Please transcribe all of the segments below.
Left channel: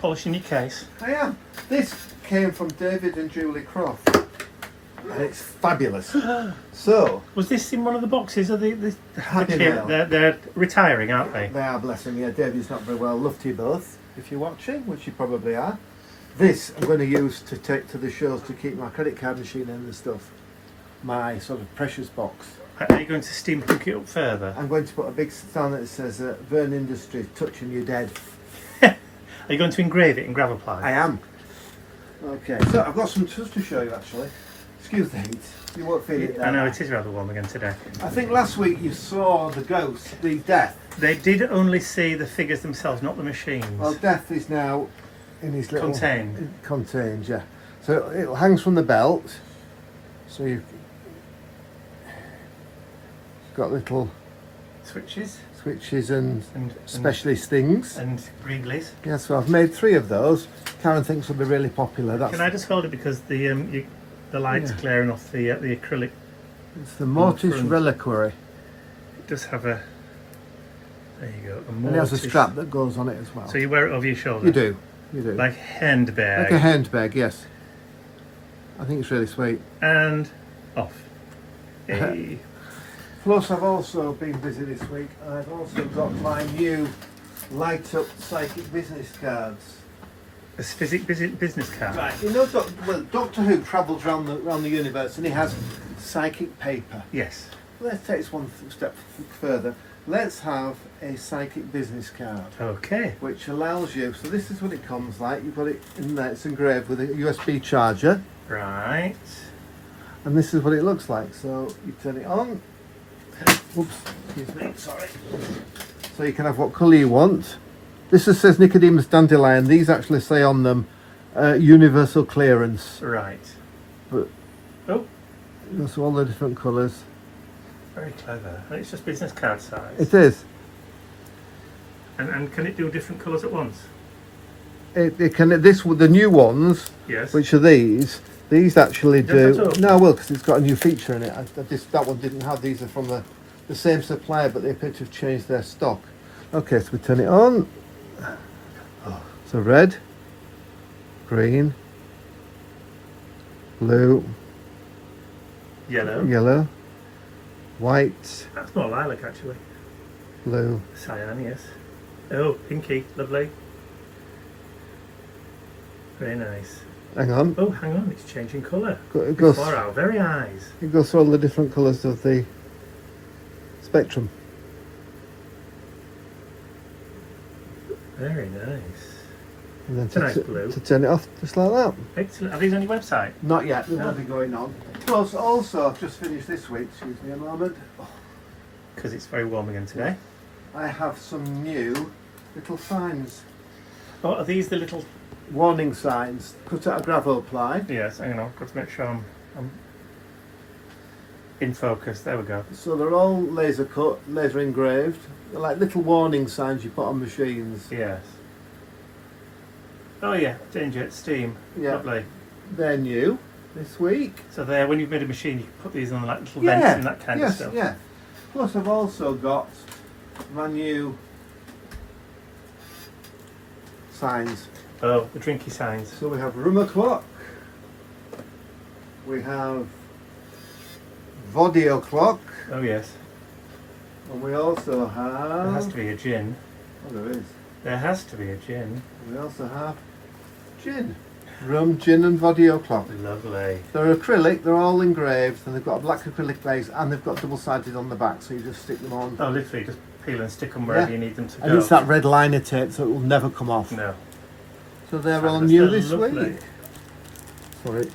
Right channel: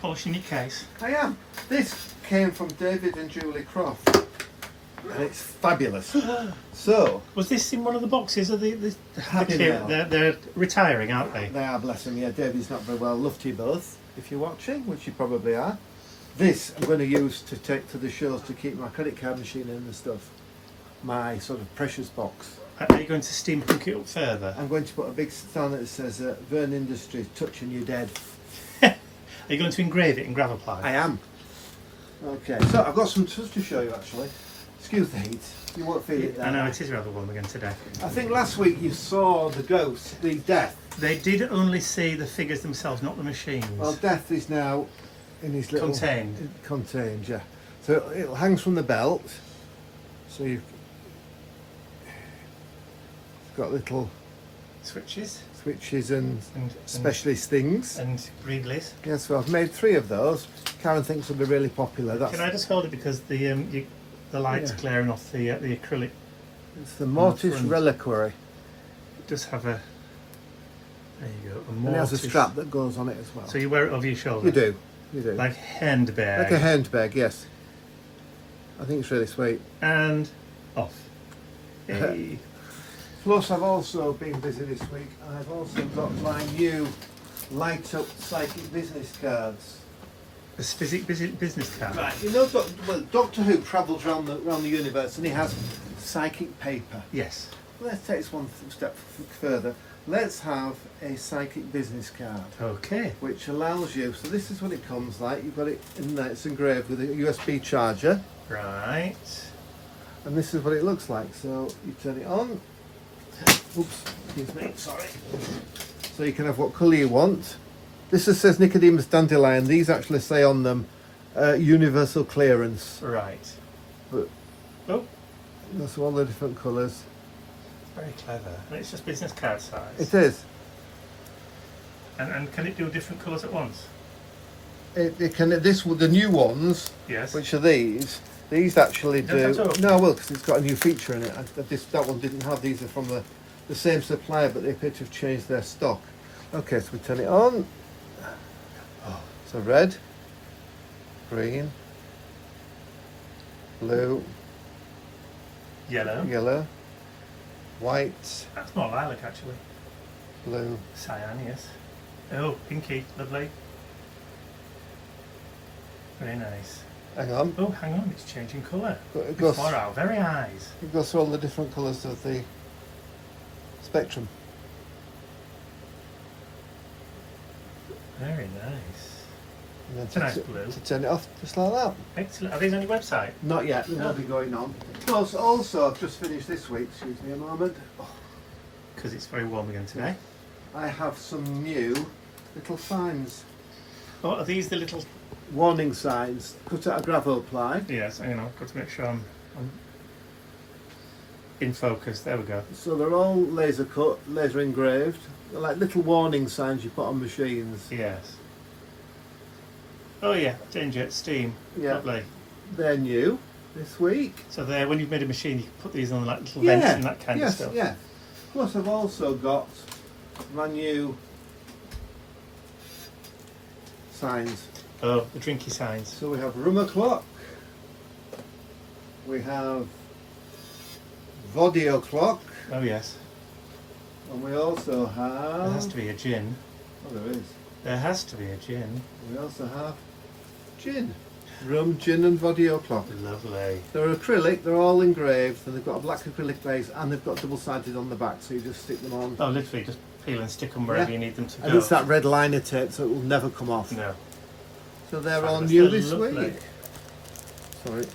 polishing your case. I am. This came from David and Julie Croft. And it's fabulous. So, Was this in one of the boxes? Are the Happy kid, Mail. they're retiring, aren't they? They are, bless them. Yeah, David's not very well. Love to you both, if you're watching, which you probably are. This I'm going to use to take to the shows to keep my credit card machine in and stuff. My sort of precious box. Are you going to steampunk it up further? I'm going to put a big stand that says Vern Industries, touching you dead. Are you going to engrave it in gravel ply? I am. Okay, so I've got some tools to show you actually. Excuse the heat, you won't feel it there. I know, it is rather warm again today. I think last week you saw the ghost, the Death. They did only see the figures themselves, not the machines. Well, Death is now in his little... Contained. Contained, yeah. So it hangs from the belt. So you've got little Switches switches and and specialist things. and Greenleys. Yeah, so I've made 3 of those. Karen thinks will be really popular. That's Can I just hold it because the light's clearing off the acrylic? it's the Mortis front. Reliquary. It does have a. There you go. A And there's a mortise. strap that goes on it as well. So you wear it over your shoulder. You do. Like Like handbag. a handbag, yes. I think it's really sweet. And off. Hey. Plus, I've also been busy this week. I've also got my new light up psychic business cards. A physic business card. Right, you know, Doctor Who travels around the universe and he has psychic paper. Yes. Let's take this one step further. Let's have a psychic business card, Okay. which allows you. So this is what it comes like. You've got it in there. It's engraved with a USB charger, Right. and this is what it looks like. So you turn it on. Oops, excuse me. Sorry. So you can have what colour you want. This just says Nicodemus Dandelion. These actually say on them universal clearance. Right. But Oh, there's all the different colours. very clever. And it's just business card size. It is. And can it do different colours at once? It can. The new ones, Yes. which are these actually Don't do. have to open No, I will, because it's got a new feature in it. That one didn't have. These are from the same supplier, but they appear to have changed their stock. Okay, so we turn it on. Oh, so red, green, blue, Yellow. yellow, white, That's more lilac actually. blue. Cyan, yes. Oh, pinky, lovely. Very nice. Hang on. Oh, hang on, it's changing colour. It goes. Before our very eyes. It goes through all the different colours of the spectrum. Very nice. And then It's a nice blue. to turn it off, just like that. Excellent. Are these on your website? Not yet, they No. will be going on. Plus, also, I've just finished this week, excuse me a moment. Because it's very warm again today. I have some new little signs. Oh, are these the little... Warning signs, cut out of gravel ply. Yes, hang on, I've got to make sure I'm in focus. There we go. So they're all laser cut, laser engraved. They're like little warning signs you put on machines. Yes. Oh yeah, danger, steam. Yeah. Lovely. They're new this week. So there, when you've made a machine, you can put these on like little vents and that kind of yes, stuff. yeah. Plus, I've also got my new signs. Oh, the drinky signs. So we have room o'clock. We have Vodio clock. Oh yes. And we also have... There has to be a gin. Oh, there is. There has to be a gin. We also have gin. Rum, gin and Vodio clock. Lovely. They're acrylic, they're all engraved, and they've got a black acrylic base, and they've got double-sided on the back, so you just stick them on. Oh, literally, just peel and stick them wherever Yeah. you need them to And go. it's that red liner tape, so it will never come off. No. So they're all Fabulous. new They're this lovely. week. Sorry.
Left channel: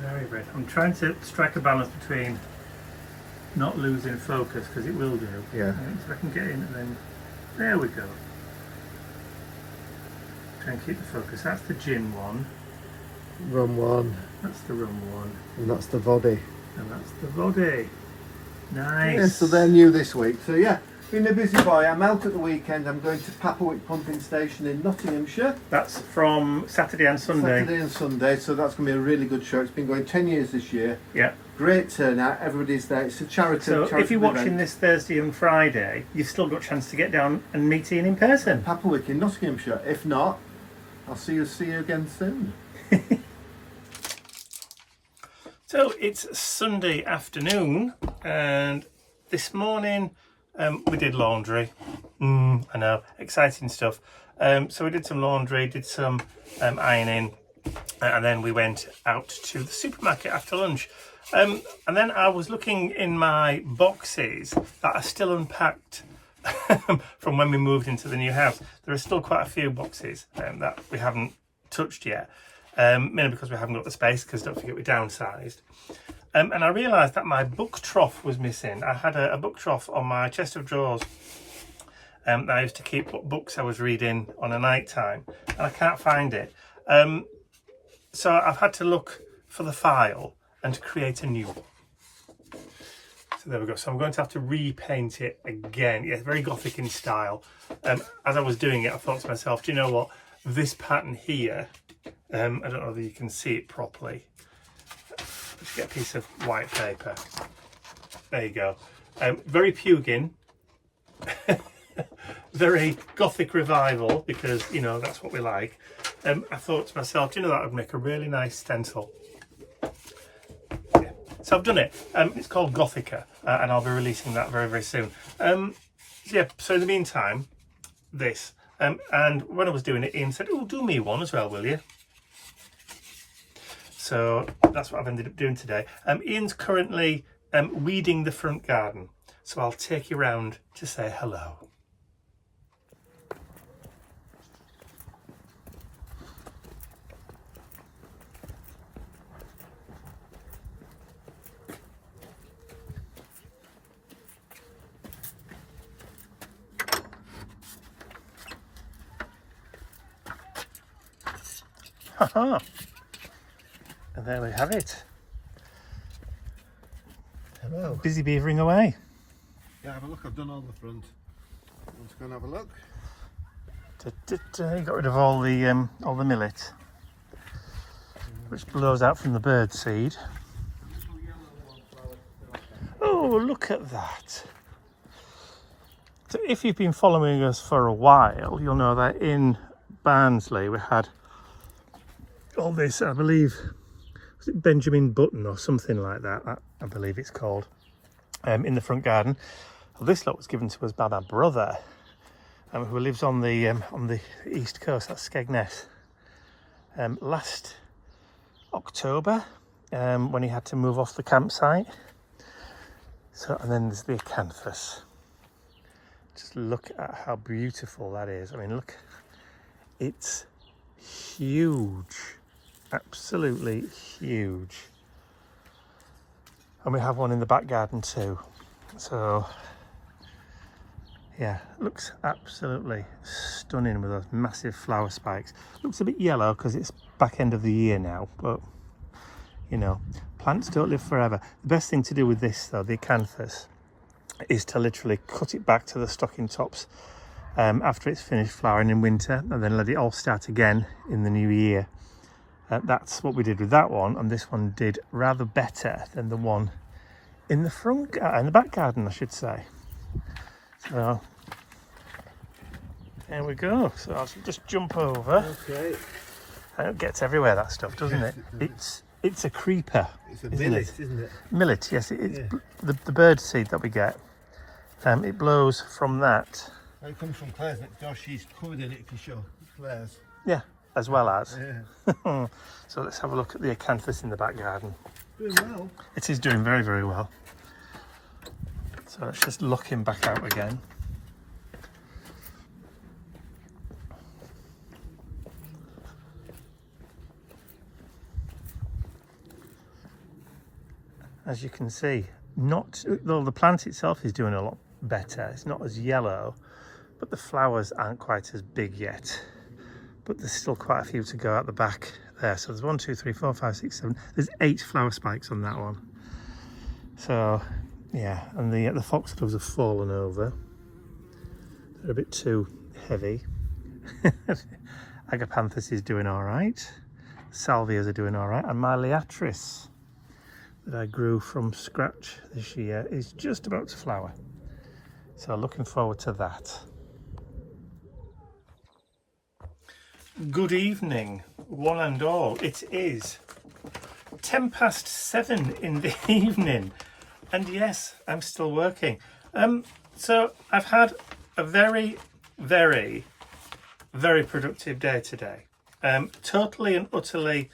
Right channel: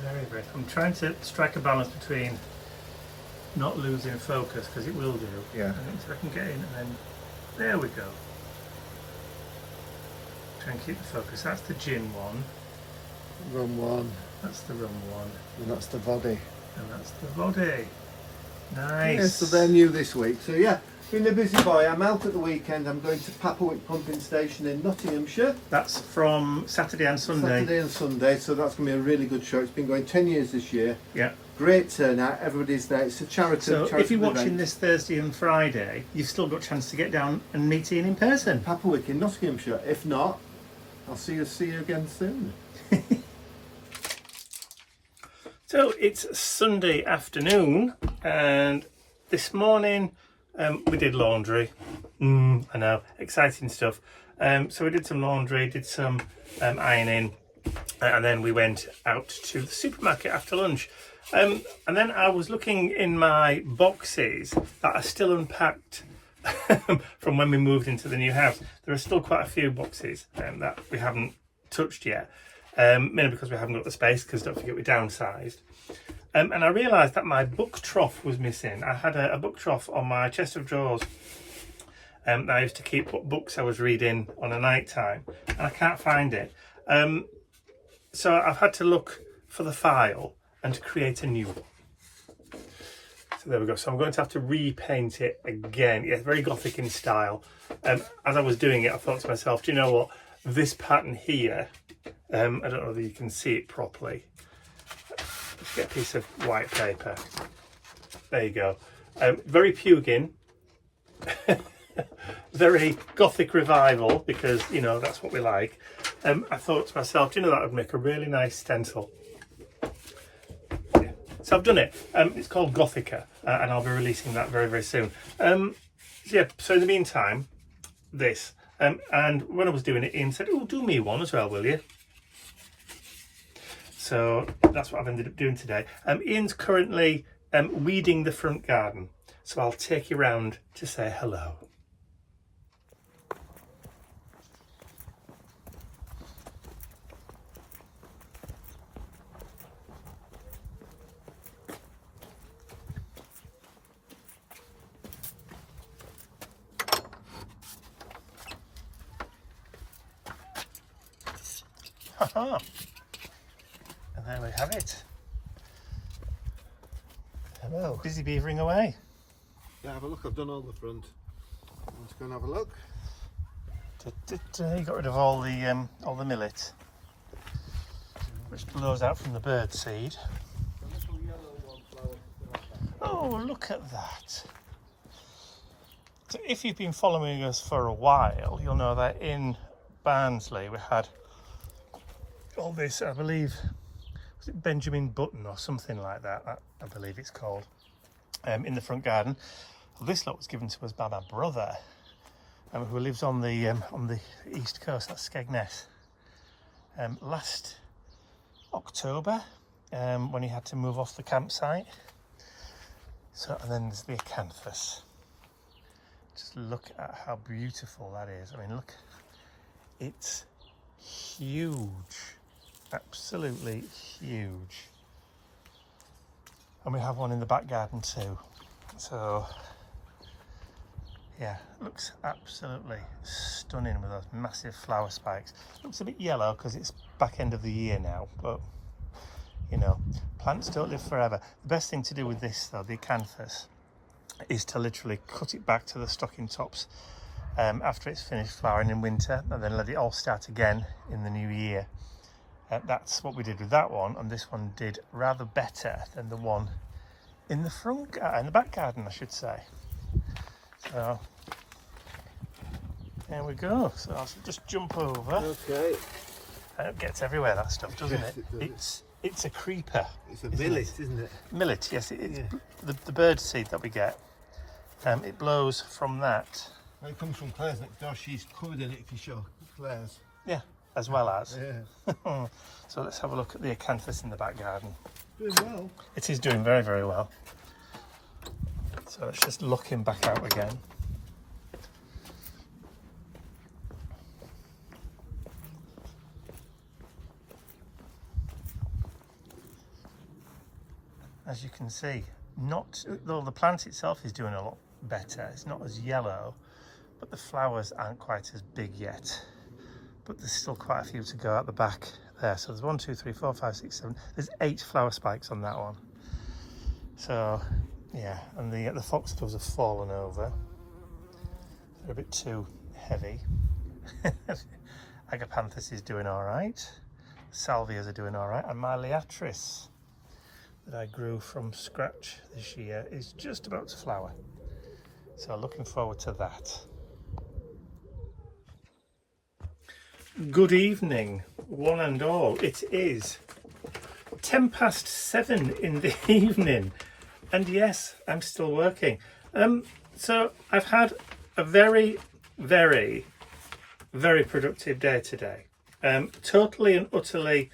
Very great. I'm trying to strike a balance between not losing focus, because it will do. Yeah. I think so I can get in and then... There we go. Try and keep the focus. That's the gin one. Rum one, That's the rum one. and that's the Vodi. And that's the body. Nice. Yeah, so they're new this week. So yeah, been a busy boy. I'm out at the weekend. I'm going to Papawick Pumping Station in Nottinghamshire. That's from Saturday and Sunday. Saturday and Sunday, so that's going to be a really good show. It's been going 10 years this year. Yeah. Great turnout, everybody's there. It's a charity. So if you're charitable watching event. this Thursday and Friday, you've still got a chance to get down and meet Ian in person. Papawick in Nottinghamshire. If not, I'll see you again soon. So it's Sunday afternoon, and this morning we did laundry. I know, exciting stuff. So we did some laundry, did some ironing, and then we went out to the supermarket after lunch. And then I was looking in my boxes that are still unpacked from when we moved into the new house. There are still quite a few boxes that we haven't touched yet, mainly because we haven't got the space, because don't forget we downsized. And I realised that my book trough was missing. I had a book trough on my chest of drawers that I used to keep what books I was reading on a night time, and I can't find it. So I've had to look for the file and create a new one. So there we go. So I'm going to have to repaint it again. Yeah, very Gothic in style. As I was doing it, I thought to myself, do you know what? This pattern here, I don't know whether you can see it properly. Let's get a piece of white paper. There you go. Very Pugin. Very Gothic revival, because, you know, that's what we like. I thought to myself, do you know, that would make a really nice stencil. So I've done it. It's called Gothica, and I'll be releasing that very, very soon. Yeah, so in the meantime, this. And when I was doing it, Ian said, oh, do me one as well, will you? So that's what I've ended up doing today. Ian's currently weeding the front garden, so I'll take you round to say hello. Haha. And there we have it. Hello. Busy beavering away. Yeah, have a look. I've done all the front. Let's go and have a look. You got rid of all the millet, which blows out from the bird seed. Oh, look at that. So if you've been following us for a while, you'll know that in Barnsley we had all this, I believe, was it Benjamin Button or something like that, I believe it's called, in the front garden. Well, this lot was given to us by my brother, who lives on the east coast, that's Skegness. Last October, when he had to move off the campsite. So, and then there's the acanthus. Just look at how beautiful that is. I mean, look, it's huge, absolutely huge. And we have one in the back garden too. So yeah, looks absolutely stunning with those massive flower spikes. Looks a bit yellow because it's back end of the year now, but you know, plants don't live forever. The best thing to do with this though, the acanthus, is to literally cut it back to the stocking tops after it's finished flowering in winter, and then let it all start again in the new year. That's what we did with that one, and this one did rather better than the one in the back garden, I should say. So there we go. So I'll just jump over. Okay. And it gets everywhere, that stuff, doesn't it? It's a creeper. It's a millet, isn't it? Millet, yes. It's the bird seed that we get. It blows from that. Well, it comes from Claire's next door. She's covered in it if you show Claire's. Yeah, as well as. Yeah. So let's have a look at the acanthus in the back garden. Doing well. It is doing very, very well. So let's just look him back out again. As you can see, though the plant itself is doing a lot better, it's not as yellow, but the flowers aren't quite as big yet. But there's still quite a few to go out the back there. So there's 1, 2, 3, 4, 5, 6, 7. There's 8 flower spikes on that one. So yeah, and the foxgloves have fallen over. They're a bit too heavy. Agapanthus is doing all right. Salvias are doing all right, and my Liatris that I grew from scratch this year is just about to flower. So looking forward to that. Good evening, one and all. It is 7:10 in the evening, and yes, I'm still working. So I've had a very, very, very productive day today. Totally and utterly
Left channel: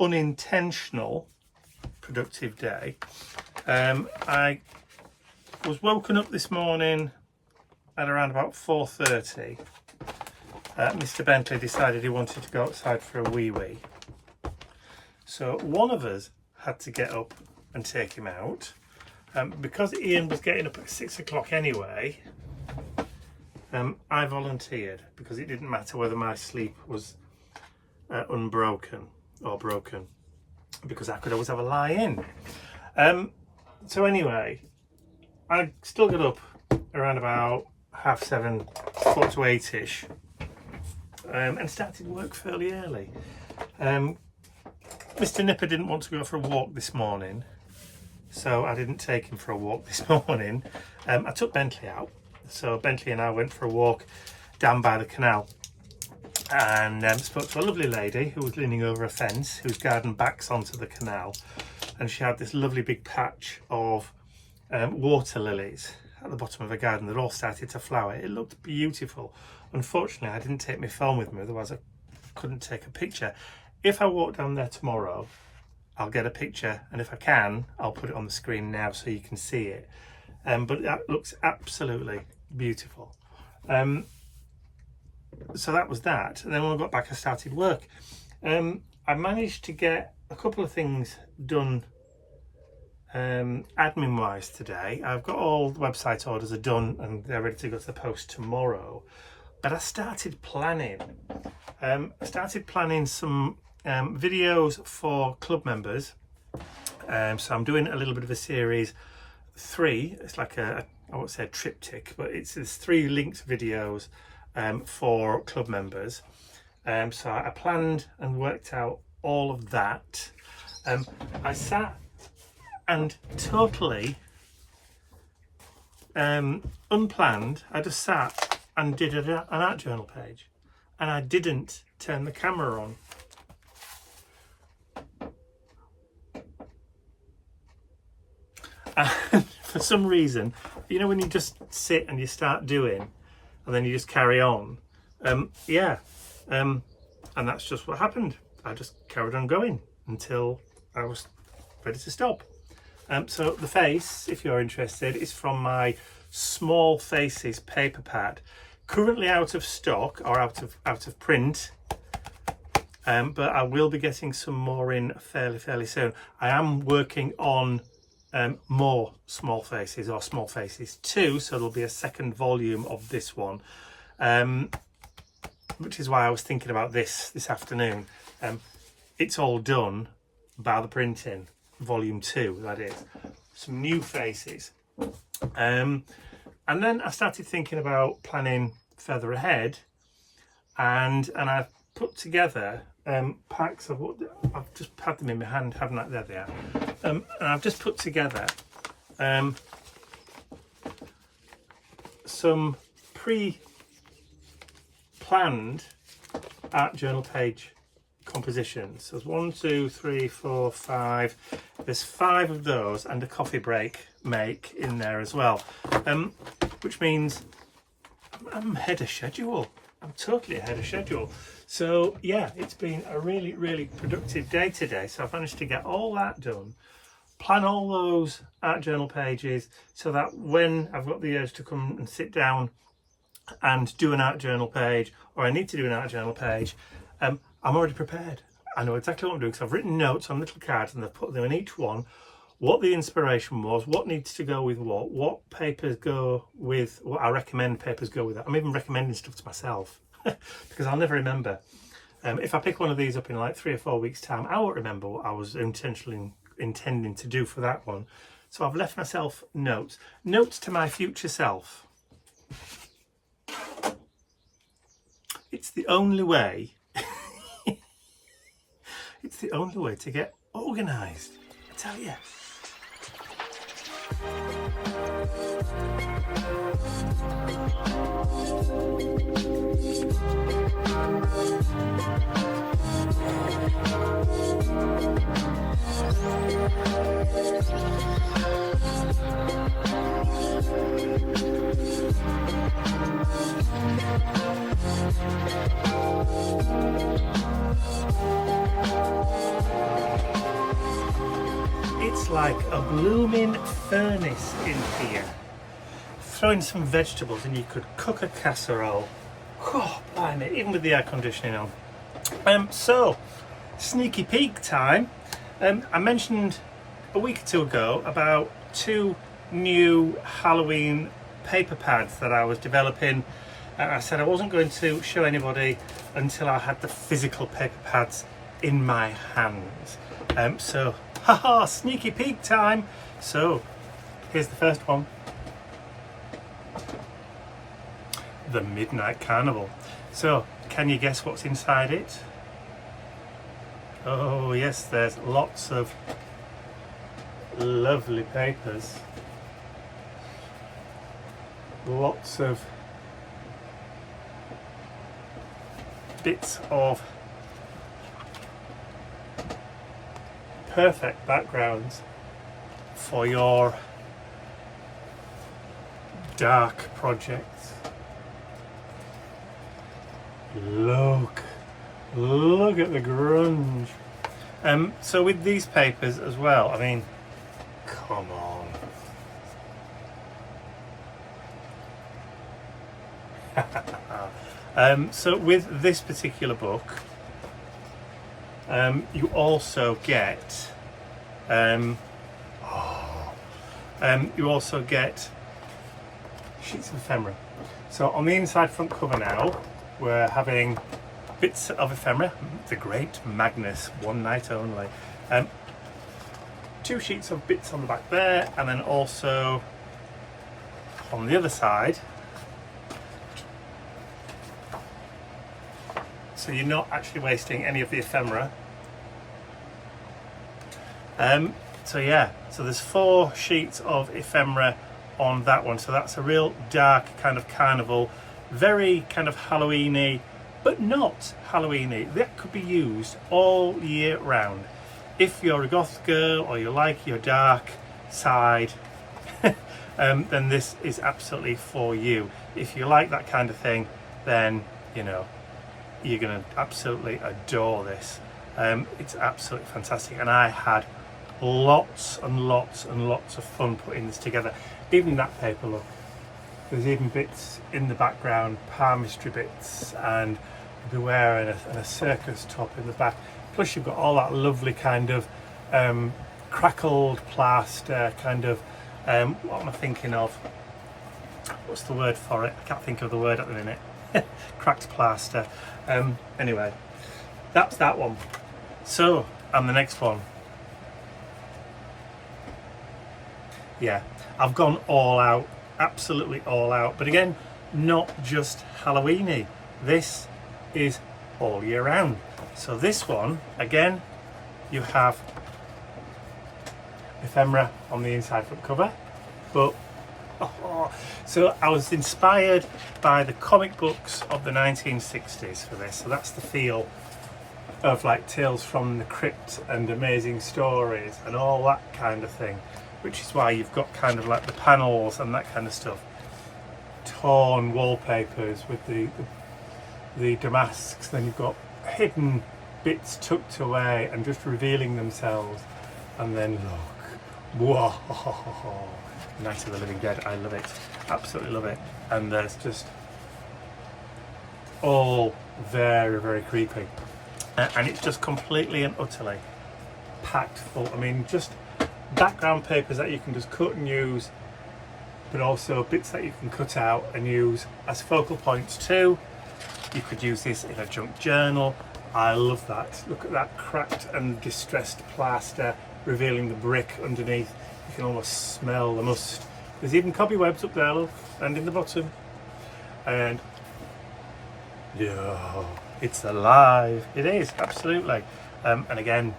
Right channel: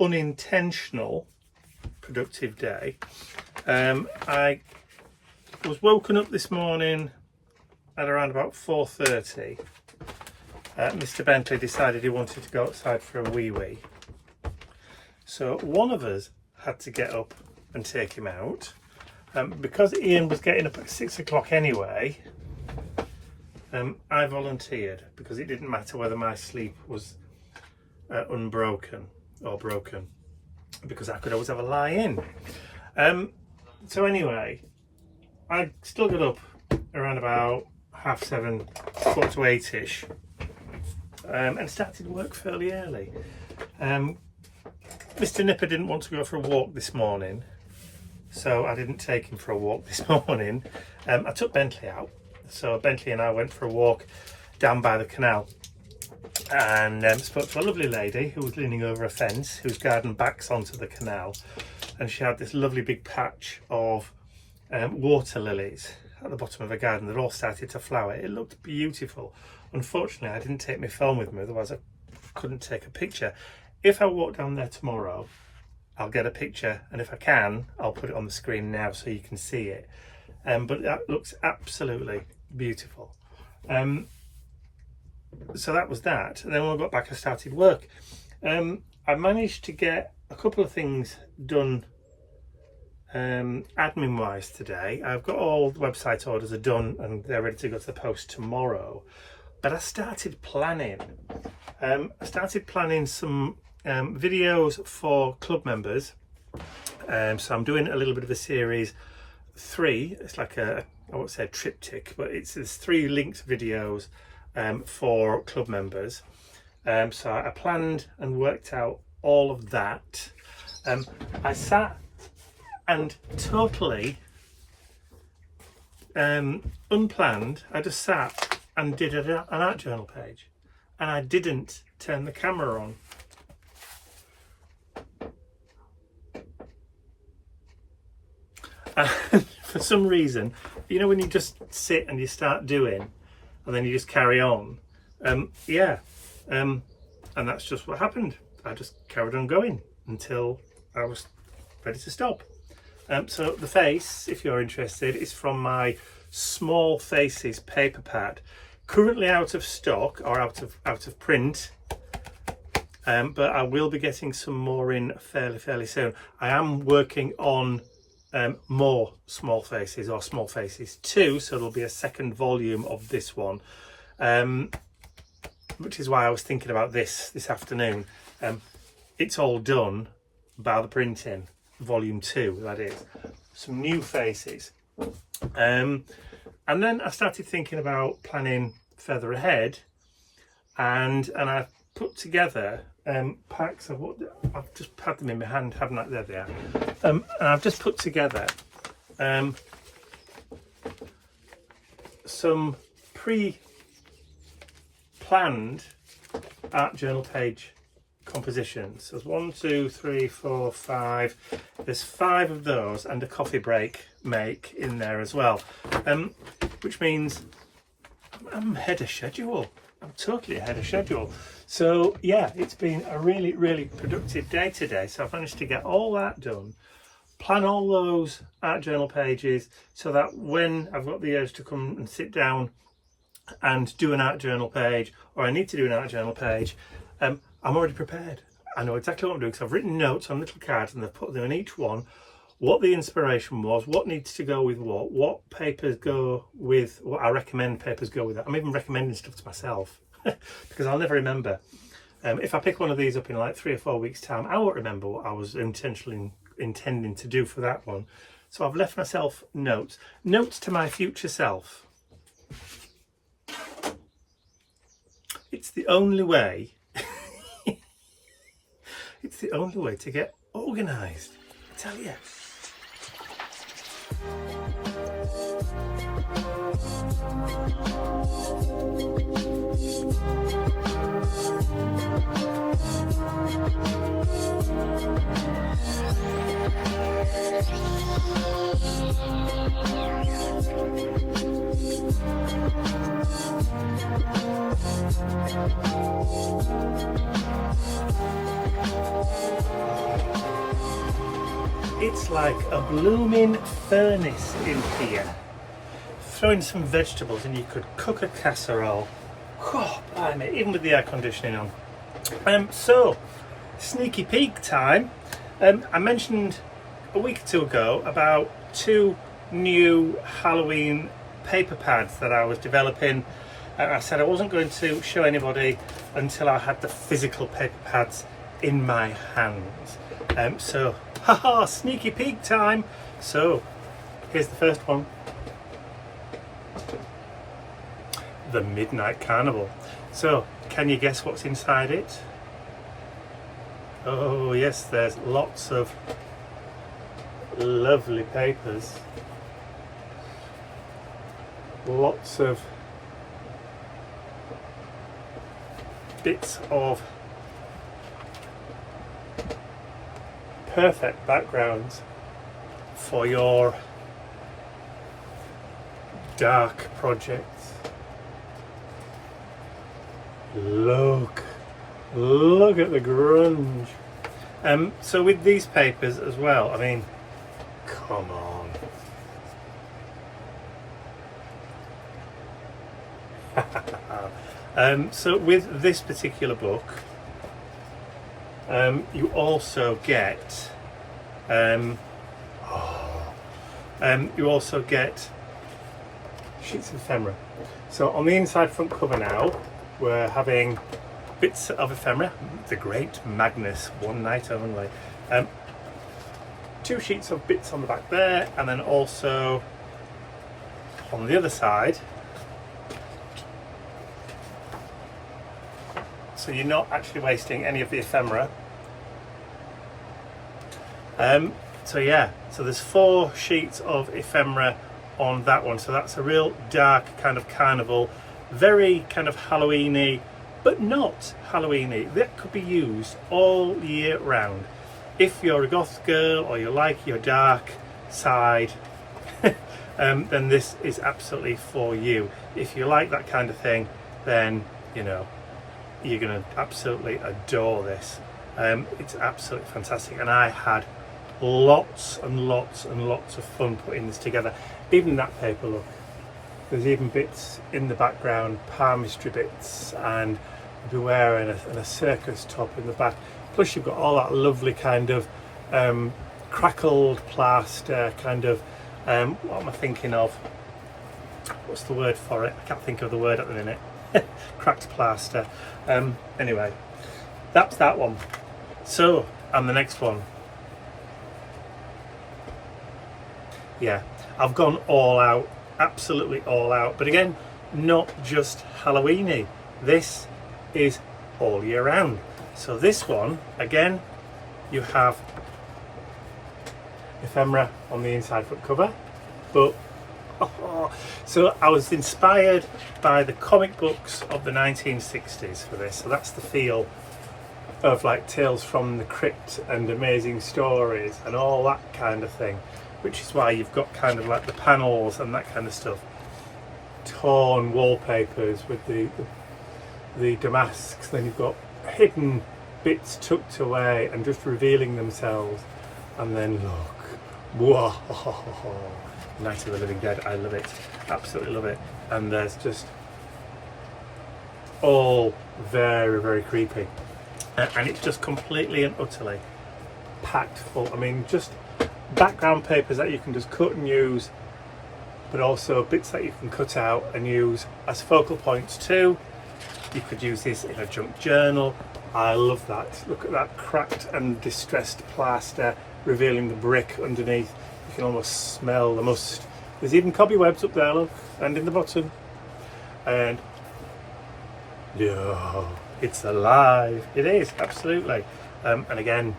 unintentional productive day. I was woken up this morning at around about 4:30. Mr. Bentley decided he wanted to go outside for a wee. So one of us had to get up and take him out. Because Ian was getting up at 6 o'clock anyway, I volunteered because it didn't matter whether my sleep was unbroken or broken, because I could always have a lie in. So anyway, I still got up around about 7:30, 7:45-ish. And started work fairly early. Mr. Nipper didn't want to go for a walk this morning, so I didn't take him for a walk this morning. I took Bentley out, so Bentley and I went for a walk down by the canal, and spoke to a lovely lady who was leaning over a fence, whose garden backs onto the canal, and she had this lovely big patch of water lilies at the bottom of the garden that all started to flower. It looked beautiful. Unfortunately, I didn't take my phone with me, otherwise I couldn't take a picture. If I walk down there tomorrow, I'll get a picture, and if I can, I'll put it on the screen now so you can see it. But that looks absolutely beautiful. So that was that. And then when I got back, I started work. I managed to get a couple of things done admin wise today. I've got all the website orders are done and they're ready to go to the post tomorrow. But I started planning. Some videos for club members. So I'm doing a little bit of a series 3. It's like I won't say a triptych, but there's 3 linked videos for club members. So I planned and worked out all of that. I sat and totally unplanned, I just sat and did an art journal page, and I didn't turn the camera on. And for some reason, you know when you just sit and you start doing and then you just carry on, and that's just what happened. I just carried on going until I was ready to stop. So the face, if you're interested, is from my Small Faces paper pad, currently out of stock or out of print, but I will be getting some more in fairly soon. I am working on more Small Faces, or Small Faces 2, so there'll be a second volume of this one, which is why I was thinking about this afternoon. It's all done, bar the printing, volume 2, that is. Some new faces. And then I started thinking about planning further ahead, and I've put together packs of what I've just had them in my hand, haven't I? There they are. And I've just put together some pre-planned art journal page compositions. There's 1, 2, 3, 4, 5. There's 5 of those and a coffee break make in there as well, which means I'm ahead of schedule. I'm totally ahead of schedule. So yeah, it's been a really productive day today. So I've managed to get all that done, plan all those art journal pages, so that when I've got the urge to come and sit down and do an art journal page, or I need to do an art journal page, I'm already prepared. I know exactly what I'm doing, because I've written notes on little cards and I've put them in each one, what the inspiration was, what needs to go with what papers go with, what I recommend papers go with it. I'm even recommending stuff to myself because I'll never remember. If I pick one of these up in like 3 or 4 weeks time, I won't remember what I was intentionally intending to do for that one. So I've left myself notes to my future self. It's the only way it's the only way to get organised, I tell you. It's like a blooming furnace in here. Throw in some vegetables and you could cook a casserole. Oh, blimey, even with the air conditioning on. So, sneaky peek time. I mentioned a week or two ago about 2 new Halloween paper pads that I was developing. And I said I wasn't going to show anybody until I had the physical paper pads in my hands. So, haha, sneaky peek time. So, here's the first one. The Midnight Carnival. So, can you guess what's inside it? Oh yes, there's lots of lovely papers. Lots of bits of perfect backgrounds for your dark projects. Look at the grunge. So with these papers as well, I mean, come on. So with this particular book, you also get sheets of ephemera. So on the inside front cover now, we're having bits of ephemera, the Great Magnus, one night only. 2 sheets of bits on the back there, and then also on the other side, so you're not actually wasting any of the ephemera. So yeah, so there's 4 sheets of ephemera on that one, so that's a real dark kind of carnival, very kind of Halloweeny, but not Halloweeny. That could be used all year round. If you're a goth girl or you like your dark side, then this is absolutely for you. If you like that kind of thing, then you know you're going to absolutely adore this. It's absolutely fantastic, and I had lots and lots and lots of fun putting this together. Even that paper, look, there's even bits in the background, palmistry bits, and you'll be wearing a circus top in the back. Plus you've got all that lovely kind of crackled plaster, kind of what am I thinking of? What's the word for it? I can't think of the word at the minute. Cracked plaster. Anyway, that's that one. So, and the next one. Yeah, I've gone all out, absolutely all out. But again, not just Halloweeny. This is all year round. So this one, again, you have ephemera on the inside front cover, but so I was inspired by the comic books of the 1960s for this. So that's the feel of like Tales from the Crypt and Amazing Stories and all that kind of thing, which is why you've got kind of like the panels and that kind of stuff, torn wallpapers with the damasks, then you've got hidden bits tucked away and just revealing themselves, and then look, whoa, Night of the Living Dead, I love it, absolutely love it. And there's just all very, very creepy, and it's just completely and utterly packed full. I mean, just background papers that you can just cut and use, but also bits that you can cut out and use as focal points too. You could use this in a junk journal. I love that. Look at that cracked and distressed plaster revealing the brick underneath. You can almost smell the must. There's even cobwebs up there, look, and in the bottom. And yeah, it's alive. It is, absolutely. And again,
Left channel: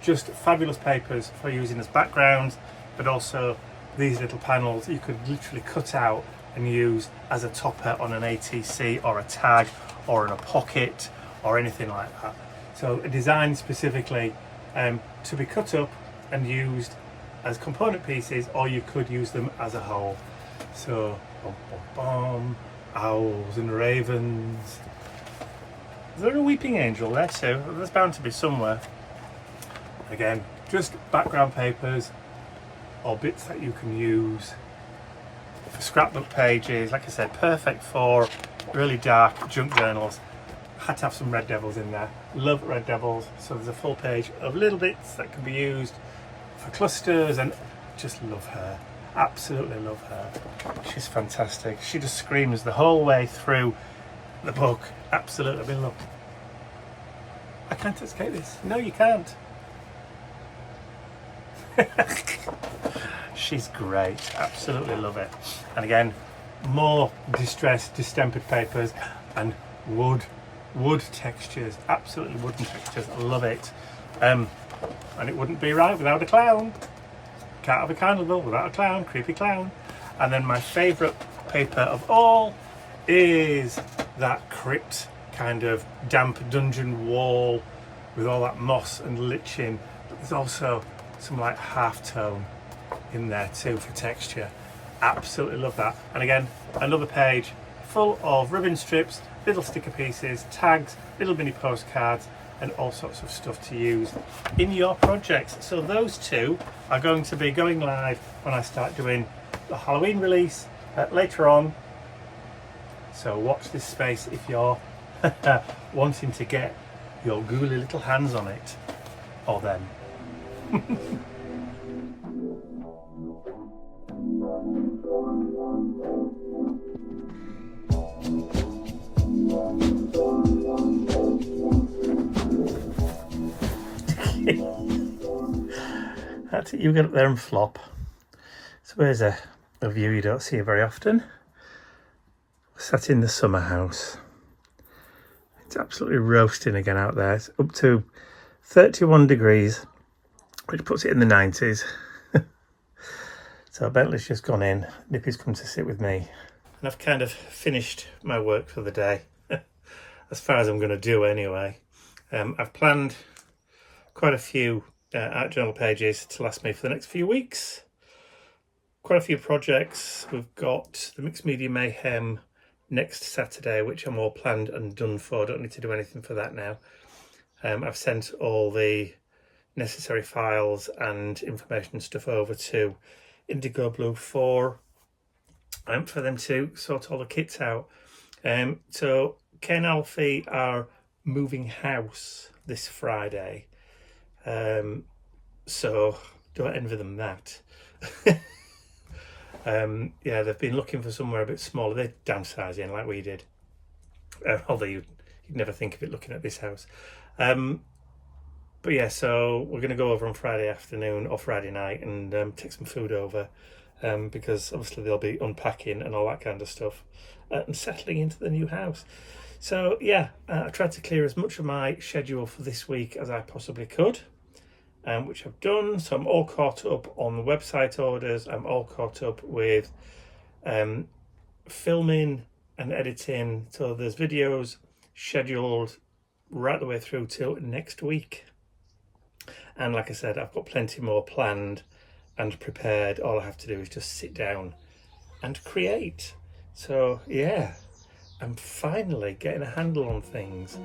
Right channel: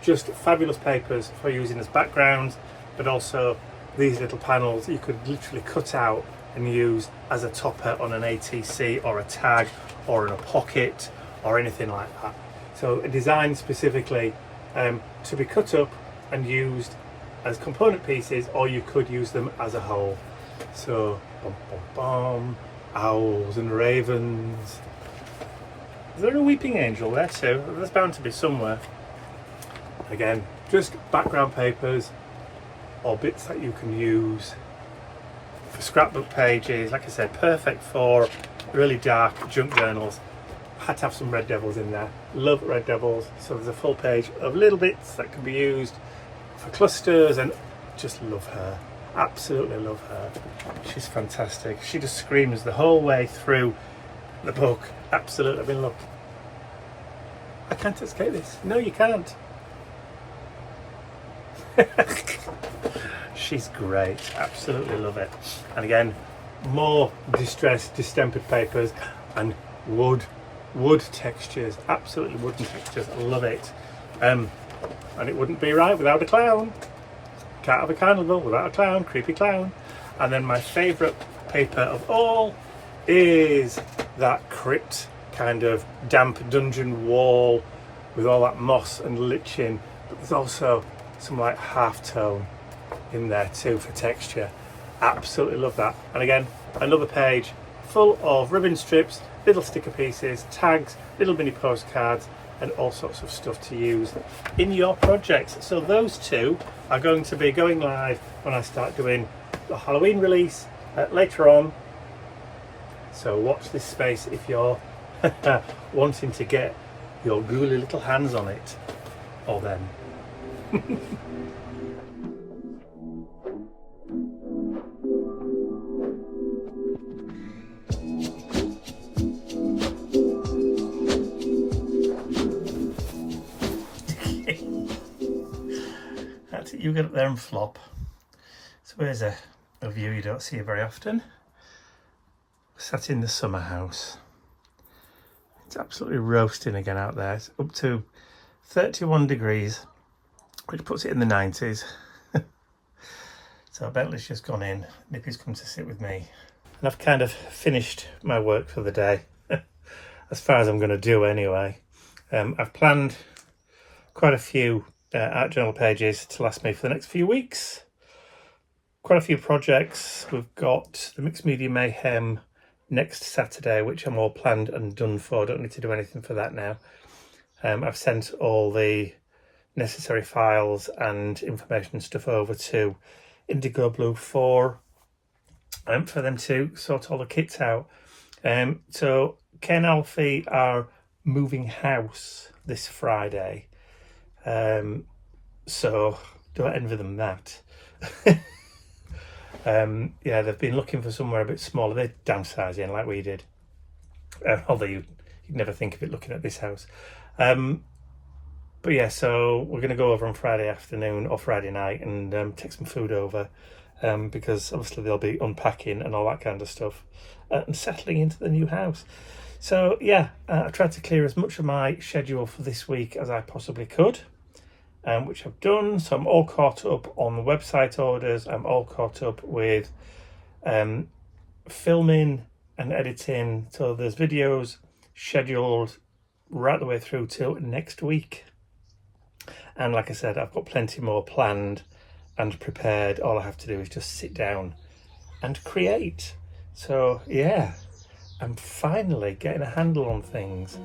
just fabulous papers for using as backgrounds, but also these little panels you could literally cut out and use as a topper on an ATC or a tag or in a pocket or anything like that. So designed specifically to be cut up and used as component pieces, or you could use them as a whole. So bum, bum, bum, owls and ravens. Is there a weeping angel there too? There's bound to be somewhere. Again, just background papers or bits that you can use for scrapbook pages. Like I said, perfect for really dark junk journals. Had to have some red devils in there. Love red devils. So there's a full page of little bits that can be used for clusters, and just love her. Absolutely love her. She's fantastic. She just screams the whole way through the book. Absolutely. I mean, look, I can't escape this. No, you can't. She's great. Absolutely love it. And again, more distressed distempered papers and wood textures. Absolutely wooden textures. I love it. And it wouldn't be right without a clown. Can't have a carnival without a clown. Creepy clown. And then my favourite paper of all is that crypt kind of damp dungeon wall with all that moss and lichen, but there's also some like half-tone in there too for texture. Absolutely love that. And again, another page full of ribbon strips, little sticker pieces, tags, little mini postcards, and all sorts of stuff to use in your projects. So those two are going to be going live when I start doing the Halloween release later on. So watch this space if you're wanting to get your ghouly little hands on it, or them. That's it, you get up there and flop. So here's a view you don't see very often. Sat in the summer house. It's absolutely roasting again out there. It's up to 31 degrees, which puts it in the 90s. So Bentley's just gone in. Nippy's come to sit with me. And I've kind of finished my work for the day. As far as I'm going to do anyway. I've planned quite a few art journal pages to last me for the next few weeks. Quite a few projects. We've got the Mixed Media Mayhem next Saturday, which I'm all planned and done for. Don't need to do anything for that now. I've sent all the necessary files and information and stuff over to Indigo Blue for them to sort all the kits out. So Ken Alfie are moving house this Friday. So don't envy them that. Yeah, they've been looking for somewhere a bit smaller. They're downsizing like we did. Although you'd never think of it looking at this house. But yeah, so we're going to go over on Friday afternoon or Friday night and take some food over, because obviously they'll be unpacking and all that kind of stuff and settling into the new house. So yeah, I tried to clear as much of my schedule for this week as I possibly could, which I've done. So I'm all caught up on the website orders. I'm all caught up with filming and editing. So there's videos scheduled right the way through till next week. And like I said, I've got plenty more planned and prepared. All I have to do is just sit down and create. So yeah, I'm finally getting a handle on things.